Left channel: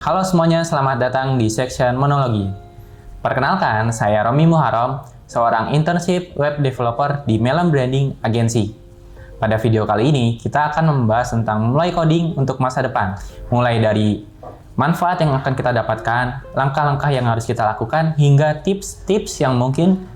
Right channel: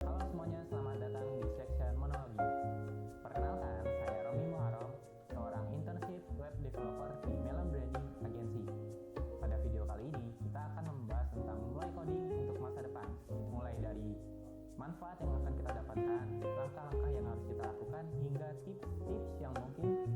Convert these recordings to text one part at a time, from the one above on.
Halo semuanya, selamat datang di section monologi. Perkenalkan, saya Romi Muharram, seorang internship web developer di Melon Branding Agency. Pada video kali ini, kita akan membahas tentang mulai coding untuk masa depan. Mulai dari manfaat yang akan kita dapatkan, langkah-langkah yang harus kita lakukan, hingga tips-tips yang mungkin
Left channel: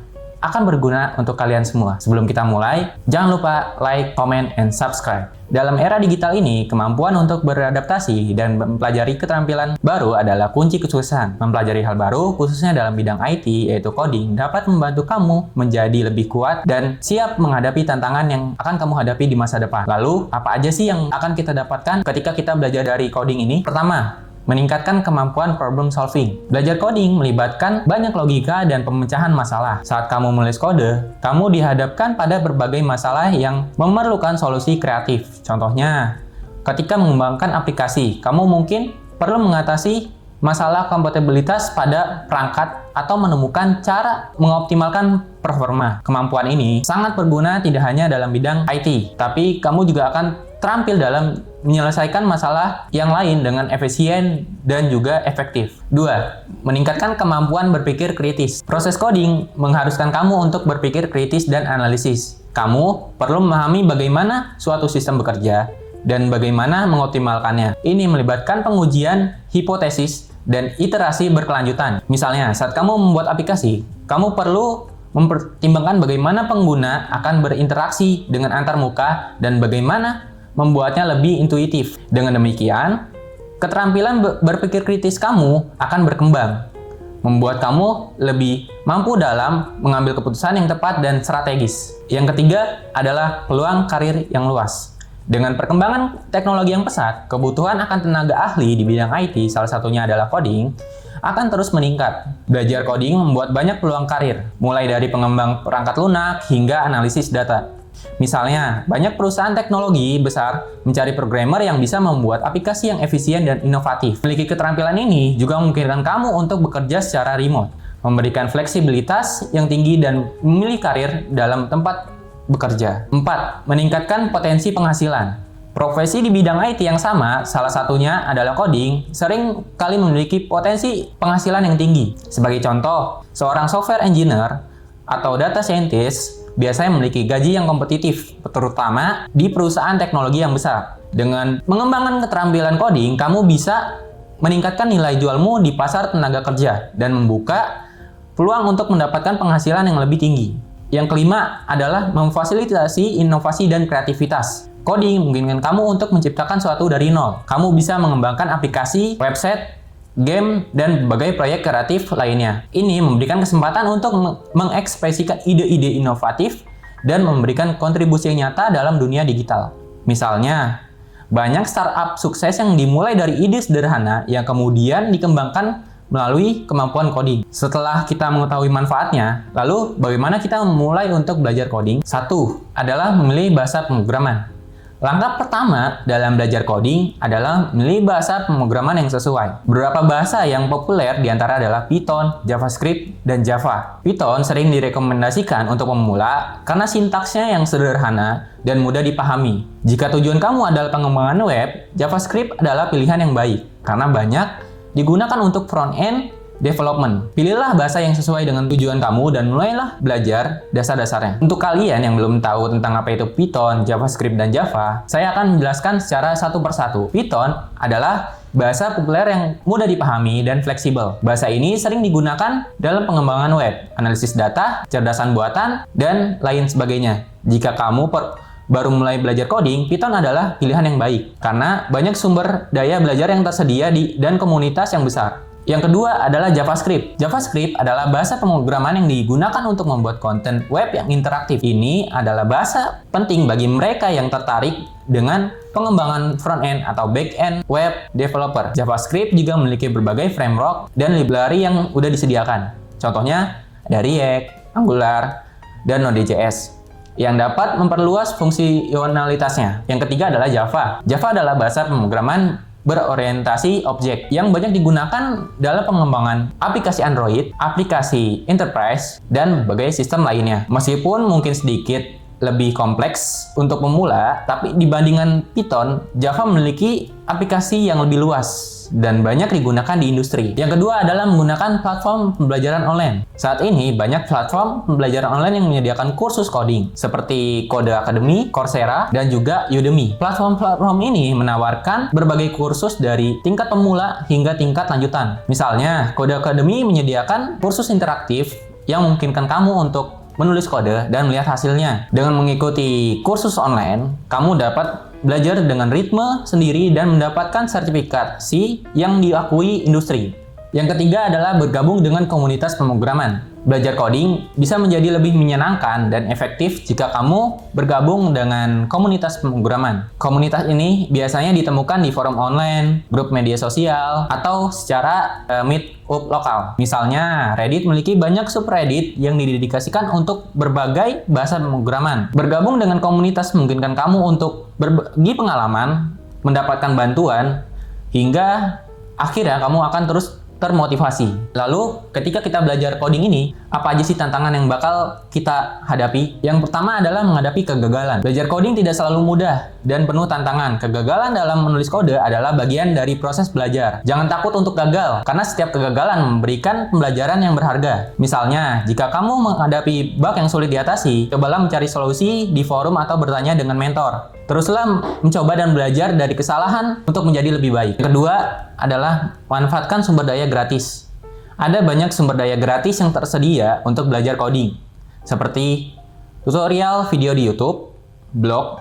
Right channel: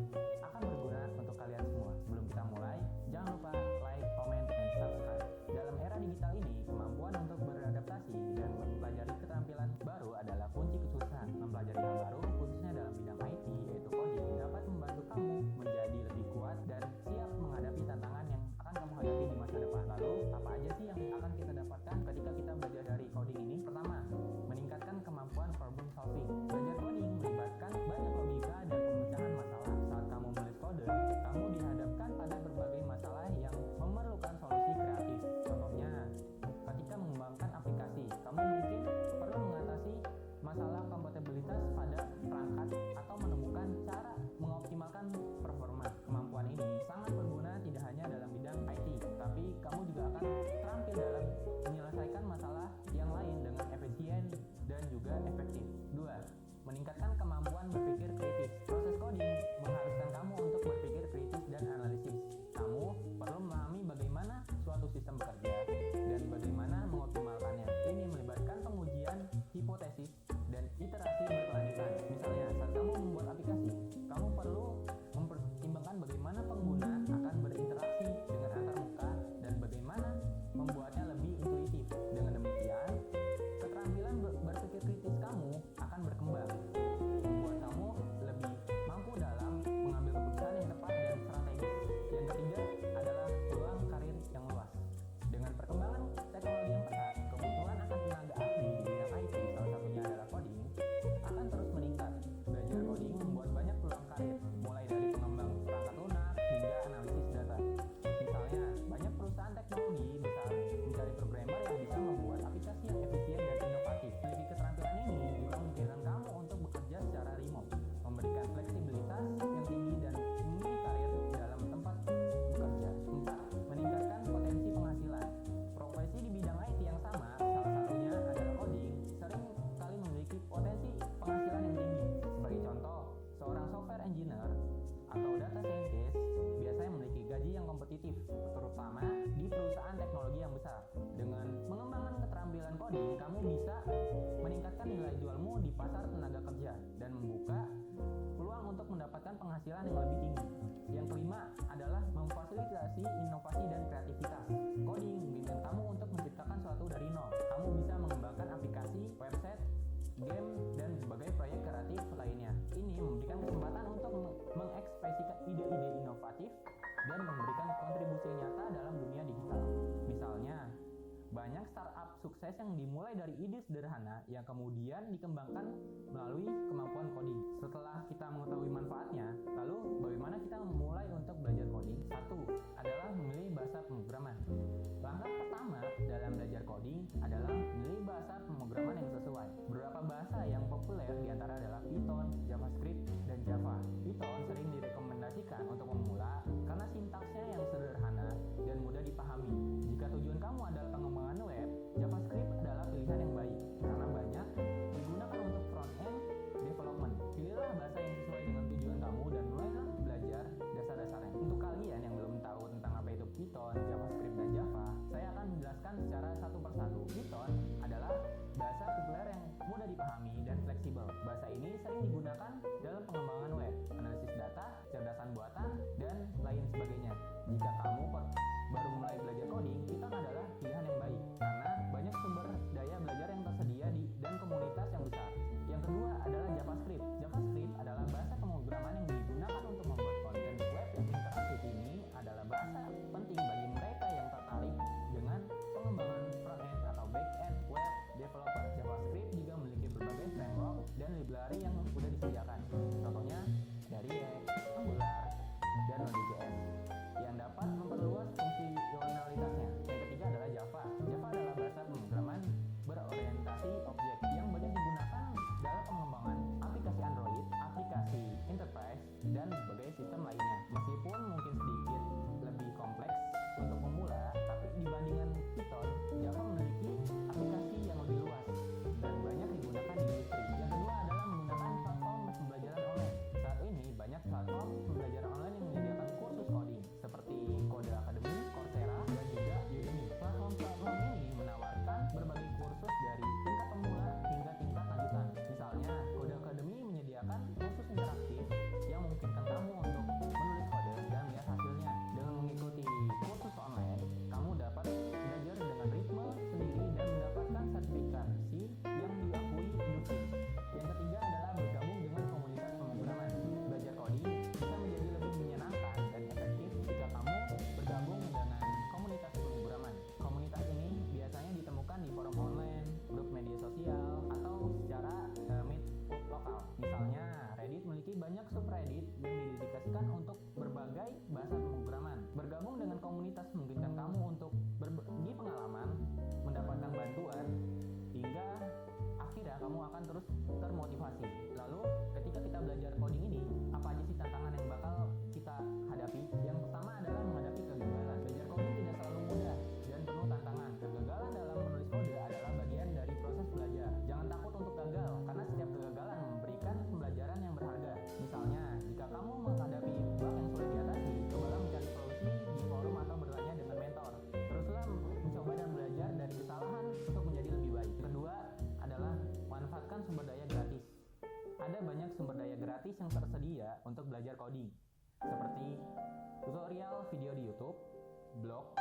akan berguna untuk kalian semua. Sebelum kita mulai, jangan lupa like, comment, and subscribe. Dalam era digital ini, kemampuan untuk beradaptasi dan mempelajari keterampilan baru adalah kunci kesuksesan. Mempelajari hal baru, khususnya dalam bidang IT, yaitu coding, dapat membantu kamu menjadi lebih kuat dan siap menghadapi tantangan yang akan kamu hadapi di masa depan. Lalu, apa aja sih yang akan kita dapatkan ketika kita belajar dari coding ini? Pertama, meningkatkan kemampuan problem solving. Belajar coding melibatkan banyak logika dan pemecahan masalah. Saat kamu menulis kode, kamu dihadapkan pada berbagai masalah yang memerlukan solusi kreatif. Contohnya, ketika mengembangkan aplikasi, kamu mungkin perlu mengatasi masalah kompatibilitas pada perangkat atau menemukan cara mengoptimalkan performa. Kemampuan ini sangat berguna tidak hanya dalam bidang IT, tapi kamu juga akan terampil dalam menyelesaikan masalah yang lain dengan efisien dan juga efektif. 2. Meningkatkan kemampuan berpikir kritis. Proses coding mengharuskan kamu untuk berpikir kritis dan analisis. Kamu perlu memahami bagaimana suatu sistem bekerja dan bagaimana mengoptimalkannya. Ini melibatkan pengujian hipotesis dan iterasi berkelanjutan. Misalnya, saat kamu membuat aplikasi, kamu perlu mempertimbangkan bagaimana pengguna akan berinteraksi dengan antarmuka dan bagaimana membuatnya lebih intuitif. Dengan demikian, keterampilan berpikir kritis kamu akan berkembang, membuat kamu lebih mampu dalam mengambil keputusan yang tepat dan strategis. Yang ketiga adalah peluang karir yang luas. Dengan perkembangan teknologi yang pesat, kebutuhan akan tenaga ahli di bidang IT, salah satunya adalah coding, akan terus meningkat. Belajar coding membuat banyak peluang karir, mulai dari pengembang perangkat lunak hingga analisis data. Misalnya, banyak perusahaan teknologi besar mencari programmer yang bisa membuat aplikasi yang efisien dan inovatif. Memiliki keterampilan ini juga memungkinkan kamu untuk bekerja secara remote, memberikan fleksibilitas yang tinggi dan memilih karir dalam tempat bekerja. 4. Meningkatkan potensi penghasilan. Profesi di bidang IT yang sama, salah satunya adalah coding, sering kali memiliki potensi penghasilan yang tinggi. Sebagai contoh, seorang software engineer atau data scientist biasanya memiliki gaji yang kompetitif, terutama di perusahaan teknologi yang besar. Dengan mengembangkan keterampilan coding, kamu bisa meningkatkan nilai jualmu di pasar tenaga kerja dan membuka peluang untuk mendapatkan penghasilan yang lebih tinggi. Yang kelima adalah memfasilitasi inovasi dan kreativitas. Coding memungkinkan kamu untuk menciptakan sesuatu dari nol. Kamu bisa mengembangkan aplikasi, website, game, dan berbagai proyek kreatif lainnya. Ini memberikan kesempatan untuk mengekspresikan ide-ide inovatif dan memberikan kontribusi yang nyata dalam dunia digital. Misalnya, banyak startup sukses yang dimulai dari ide sederhana yang kemudian dikembangkan melalui kemampuan coding. Setelah kita mengetahui manfaatnya, lalu bagaimana kita memulai untuk belajar coding? 1. Adalah memilih bahasa pemrograman. Langkah pertama dalam belajar coding adalah memilih bahasa pemrograman yang sesuai. Beberapa bahasa yang populer diantara adalah Python, JavaScript, dan Java. Python sering direkomendasikan untuk pemula karena sintaksnya yang sederhana dan mudah dipahami. Jika tujuan kamu adalah pengembangan web, JavaScript adalah pilihan yang baik karena banyak digunakan untuk front-end development. Pilihlah bahasa yang sesuai dengan tujuan kamu dan mulailah belajar dasar-dasarnya. Untuk kalian yang belum tahu tentang apa itu Python, JavaScript, dan Java, saya akan menjelaskan secara satu persatu. Python adalah bahasa populer yang mudah dipahami dan fleksibel. Bahasa ini sering digunakan dalam pengembangan web, analisis data, kecerdasan buatan, dan lain sebagainya. Jika kamu baru mulai belajar coding, Python adalah pilihan yang baik karena banyak sumber daya belajar yang tersedia dan komunitas yang besar. Yang kedua adalah JavaScript. JavaScript adalah bahasa pemrograman yang digunakan untuk membuat konten web yang interaktif. Ini adalah bahasa penting bagi mereka yang tertarik dengan pengembangan front-end atau back-end web developer. JavaScript juga memiliki berbagai framework dan library yang sudah disediakan. Contohnya dari React, Angular, dan Node.js yang dapat memperluas fungsionalitasnya. Yang ketiga adalah Java. Java adalah bahasa pemrograman berorientasi objek yang banyak digunakan dalam pengembangan aplikasi Android, aplikasi enterprise, dan berbagai sistem lainnya. Meskipun mungkin sedikit lebih kompleks untuk pemula, tapi dibandingkan Python, Java memiliki aplikasi yang lebih luas dan banyak digunakan di industri. Yang kedua adalah menggunakan platform pembelajaran online. Saat ini banyak platform pembelajaran online yang menyediakan kursus coding seperti Code Academy, Coursera, dan juga Udemy. Platform-platform ini menawarkan berbagai kursus dari tingkat pemula hingga tingkat lanjutan. Misalnya, Code Academy menyediakan kursus interaktif yang memungkinkan kamu untuk menulis kode dan melihat hasilnya. Dengan mengikuti kursus online, kamu dapat belajar dengan ritme sendiri dan mendapatkan sertifikasi yang diakui industri. Yang ketiga adalah bergabung dengan komunitas pemrograman. Belajar coding bisa menjadi lebih menyenangkan dan efektif jika kamu bergabung dengan komunitas pemrograman. Komunitas ini biasanya ditemukan di forum online, grup media sosial, atau secara meetup lokal. Misalnya, Reddit memiliki banyak subreddit yang didedikasikan untuk berbagai bahasa pemrograman. Bergabung dengan komunitas memungkinkan kamu untuk berbagi pengalaman, mendapatkan bantuan, hingga akhirnya kamu akan terus termotivasi. Lalu, ketika kita belajar coding ini, apa aja sih tantangan yang bakal kita hadapi? Yang pertama adalah menghadapi kegagalan. Belajar coding tidak selalu mudah dan penuh tantangan. Kegagalan dalam menulis kode adalah bagian dari proses belajar. Jangan takut untuk gagal, karena setiap kegagalan memberikan pembelajaran yang berharga. Misalnya, jika kamu menghadapi bug yang sulit diatasi, cobalah mencari solusi di forum atau bertanya dengan mentor. Teruslah mencoba dan belajar dari kesalahan untuk menjadi lebih baik. Yang kedua adalah manfaatkan sumber daya gratis. Ada banyak sumber daya gratis yang tersedia untuk belajar coding, seperti tutorial video di YouTube, blog,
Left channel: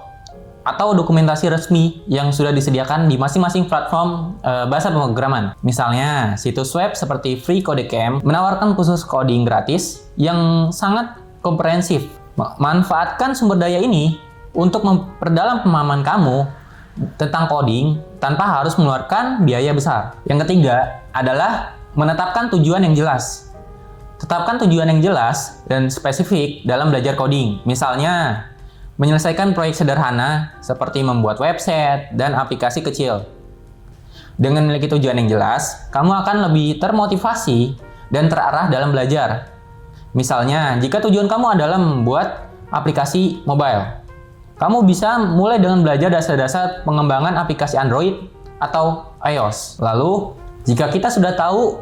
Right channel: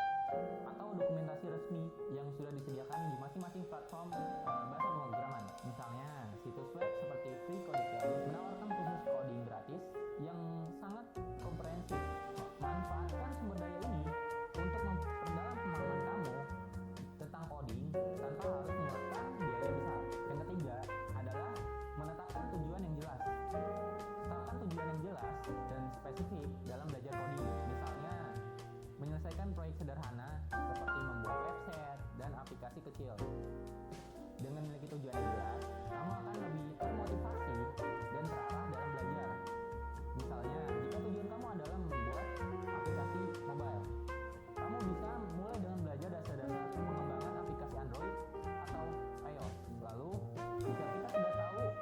atau dokumentasi resmi yang sudah disediakan di masing-masing platform bahasa pemrograman. Misalnya, situs web seperti FreeCodeCamp menawarkan kursus coding gratis yang sangat komprehensif. Manfaatkan sumber daya ini untuk memperdalam pemahaman kamu tentang coding tanpa harus mengeluarkan biaya besar. Yang ketiga adalah menetapkan tujuan yang jelas. Tetapkan tujuan yang jelas dan spesifik dalam belajar coding. Misalnya, menyelesaikan proyek sederhana seperti membuat website dan aplikasi kecil. Dengan memiliki tujuan yang jelas, kamu akan lebih termotivasi dan terarah dalam belajar. Misalnya, jika tujuan kamu adalah membuat aplikasi mobile, kamu bisa mulai dengan belajar dasar-dasar pengembangan aplikasi Android atau iOS. Lalu, jika kita sudah tahu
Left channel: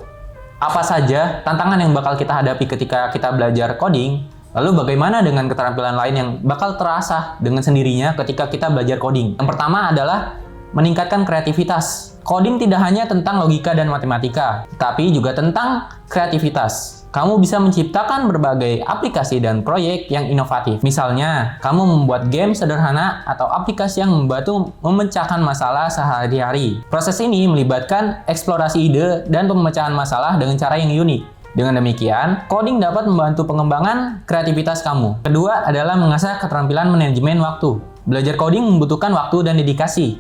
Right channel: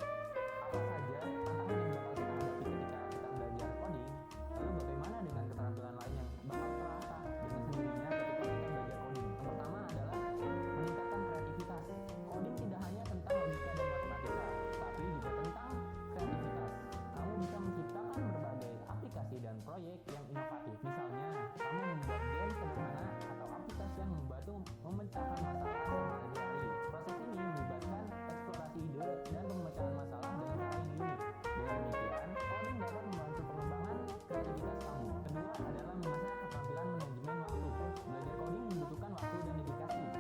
apa saja tantangan yang bakal kita hadapi ketika kita belajar coding, lalu bagaimana dengan keterampilan lain yang bakal terasah dengan sendirinya ketika kita belajar coding? Yang pertama adalah meningkatkan kreativitas. Coding tidak hanya tentang logika dan matematika, tapi juga tentang kreativitas. Kamu bisa menciptakan berbagai aplikasi dan proyek yang inovatif. Misalnya, kamu membuat game sederhana atau aplikasi yang membantu memecahkan masalah sehari-hari. Proses ini melibatkan eksplorasi ide dan pemecahan masalah dengan cara yang unik. Dengan demikian, coding dapat membantu pengembangan kreativitas kamu. Kedua adalah mengasah keterampilan manajemen waktu. Belajar coding membutuhkan waktu dan dedikasi.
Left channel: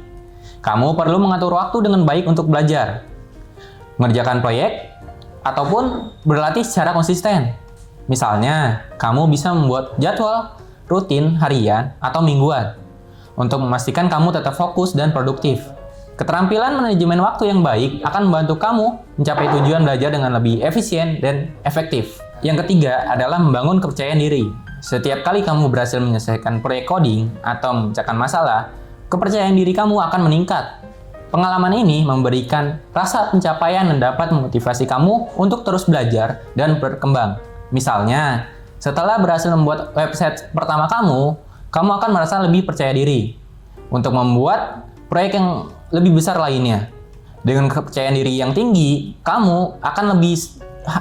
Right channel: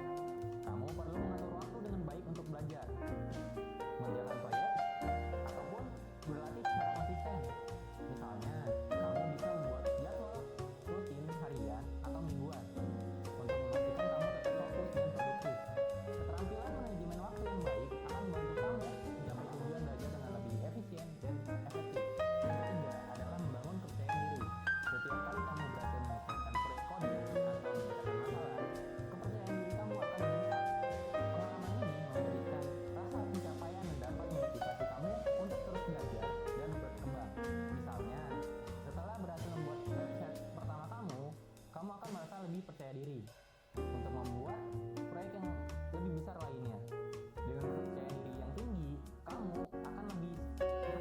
Kamu perlu mengatur waktu dengan baik untuk belajar, mengerjakan proyek, ataupun berlatih secara konsisten. Misalnya, kamu bisa membuat jadwal rutin harian atau mingguan untuk memastikan kamu tetap fokus dan produktif. Keterampilan manajemen waktu yang baik akan membantu kamu mencapai tujuan belajar dengan lebih efisien dan efektif. Yang ketiga adalah membangun kepercayaan diri. Setiap kali kamu berhasil menyelesaikan proyek coding atau memecahkan masalah, kepercayaan diri kamu akan meningkat. Pengalaman ini memberikan rasa pencapaian dan dapat memotivasi kamu untuk terus belajar dan berkembang. Misalnya, setelah berhasil membuat website pertama kamu akan merasa lebih percaya diri untuk membuat proyek yang lebih besar lainnya. Dengan kepercayaan diri yang tinggi, kamu akan lebih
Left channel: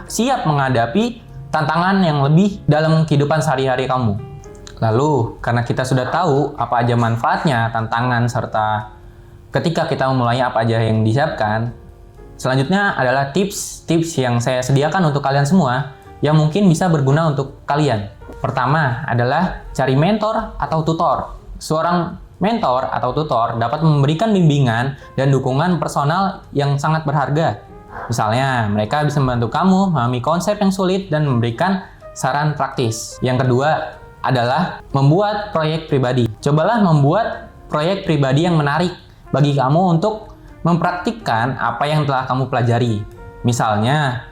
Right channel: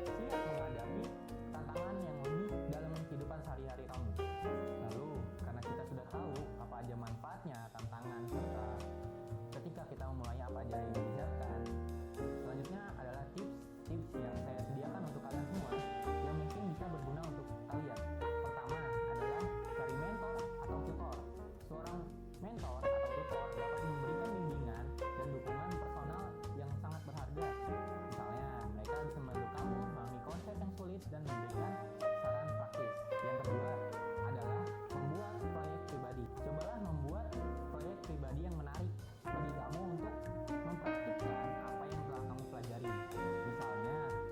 siap menghadapi tantangan yang lebih dalam kehidupan sehari-hari kamu. Lalu, karena kita sudah tahu apa aja manfaatnya, tantangan, serta ketika kita memulainya apa aja yang disiapkan, selanjutnya adalah tips-tips yang saya sediakan untuk kalian semua yang mungkin bisa berguna untuk kalian. Pertama adalah cari mentor atau tutor. Seorang mentor atau tutor dapat memberikan bimbingan dan dukungan personal yang sangat berharga. Misalnya, mereka bisa membantu kamu memahami konsep yang sulit dan memberikan saran praktis. Yang kedua adalah membuat proyek pribadi. Cobalah membuat proyek pribadi yang menarik bagi kamu untuk mempraktikkan apa yang telah kamu pelajari. Misalnya,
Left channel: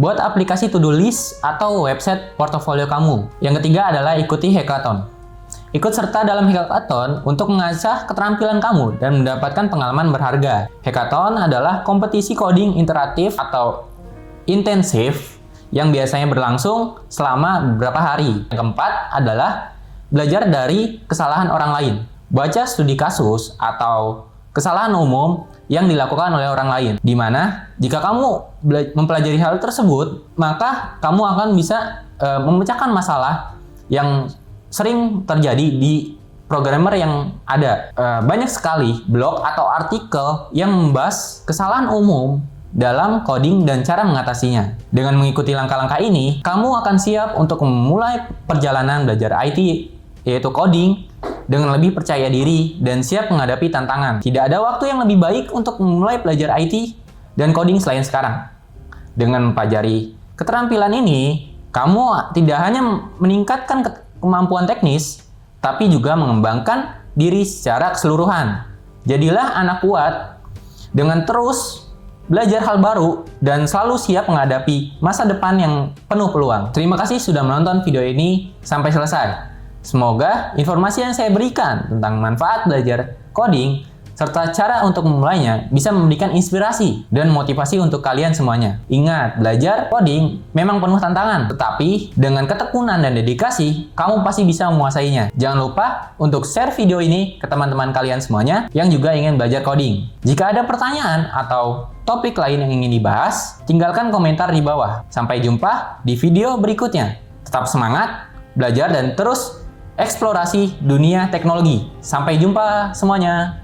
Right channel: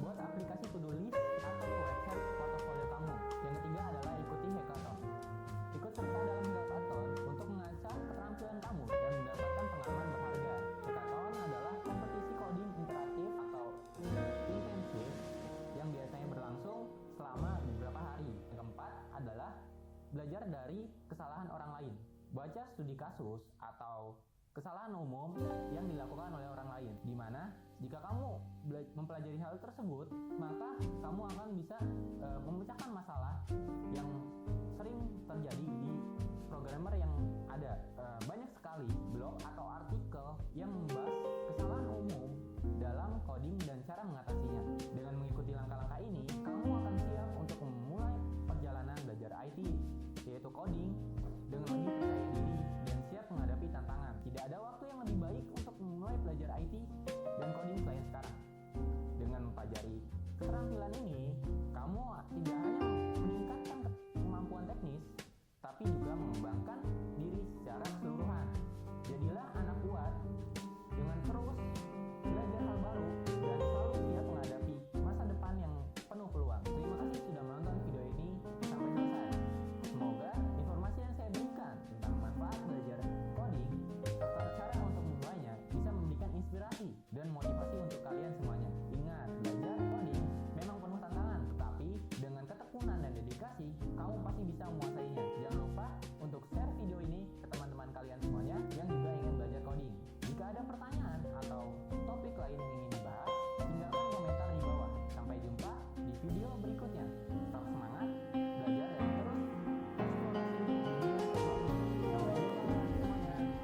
buat aplikasi to-do list atau website portofolio kamu. Yang ketiga adalah ikuti hackathon. Ikut serta dalam hackathon untuk mengasah keterampilan kamu dan mendapatkan pengalaman berharga. Hackathon adalah kompetisi coding interaktif atau intensif yang biasanya berlangsung selama beberapa hari. Yang keempat adalah belajar dari kesalahan orang lain. Baca studi kasus atau kesalahan umum yang dilakukan oleh orang lain, di mana jika kamu mempelajari hal tersebut, maka kamu akan bisa memecahkan masalah yang sering terjadi di programmer yang ada. Banyak sekali blog atau artikel yang membahas kesalahan umum dalam coding dan cara mengatasinya. Dengan mengikuti langkah-langkah ini, kamu akan siap untuk memulai perjalanan belajar IT, yaitu coding, dengan lebih percaya diri dan siap menghadapi tantangan. Tidak ada waktu yang lebih baik untuk memulai belajar IT dan coding selain sekarang. Dengan mempelajari keterampilan ini, kamu tidak hanya meningkatkan kemampuan teknis, tapi juga mengembangkan diri secara keseluruhan. Jadilah anak kuat dengan terus belajar hal baru dan selalu siap menghadapi masa depan yang penuh peluang. Terima kasih sudah menonton video ini sampai selesai. Semoga informasi yang saya berikan tentang manfaat belajar coding serta cara untuk memulainya bisa memberikan inspirasi dan motivasi untuk kalian semuanya. Ingat, belajar coding memang penuh tantangan, tetapi dengan ketekunan dan dedikasi, kamu pasti bisa menguasainya. Jangan lupa untuk share video ini ke teman-teman kalian semuanya yang juga ingin belajar coding. Jika ada pertanyaan atau topik lain yang ingin dibahas, tinggalkan komentar di bawah. Sampai jumpa di video berikutnya. Tetap semangat, belajar, dan terus eksplorasi dunia teknologi. Sampai jumpa semuanya.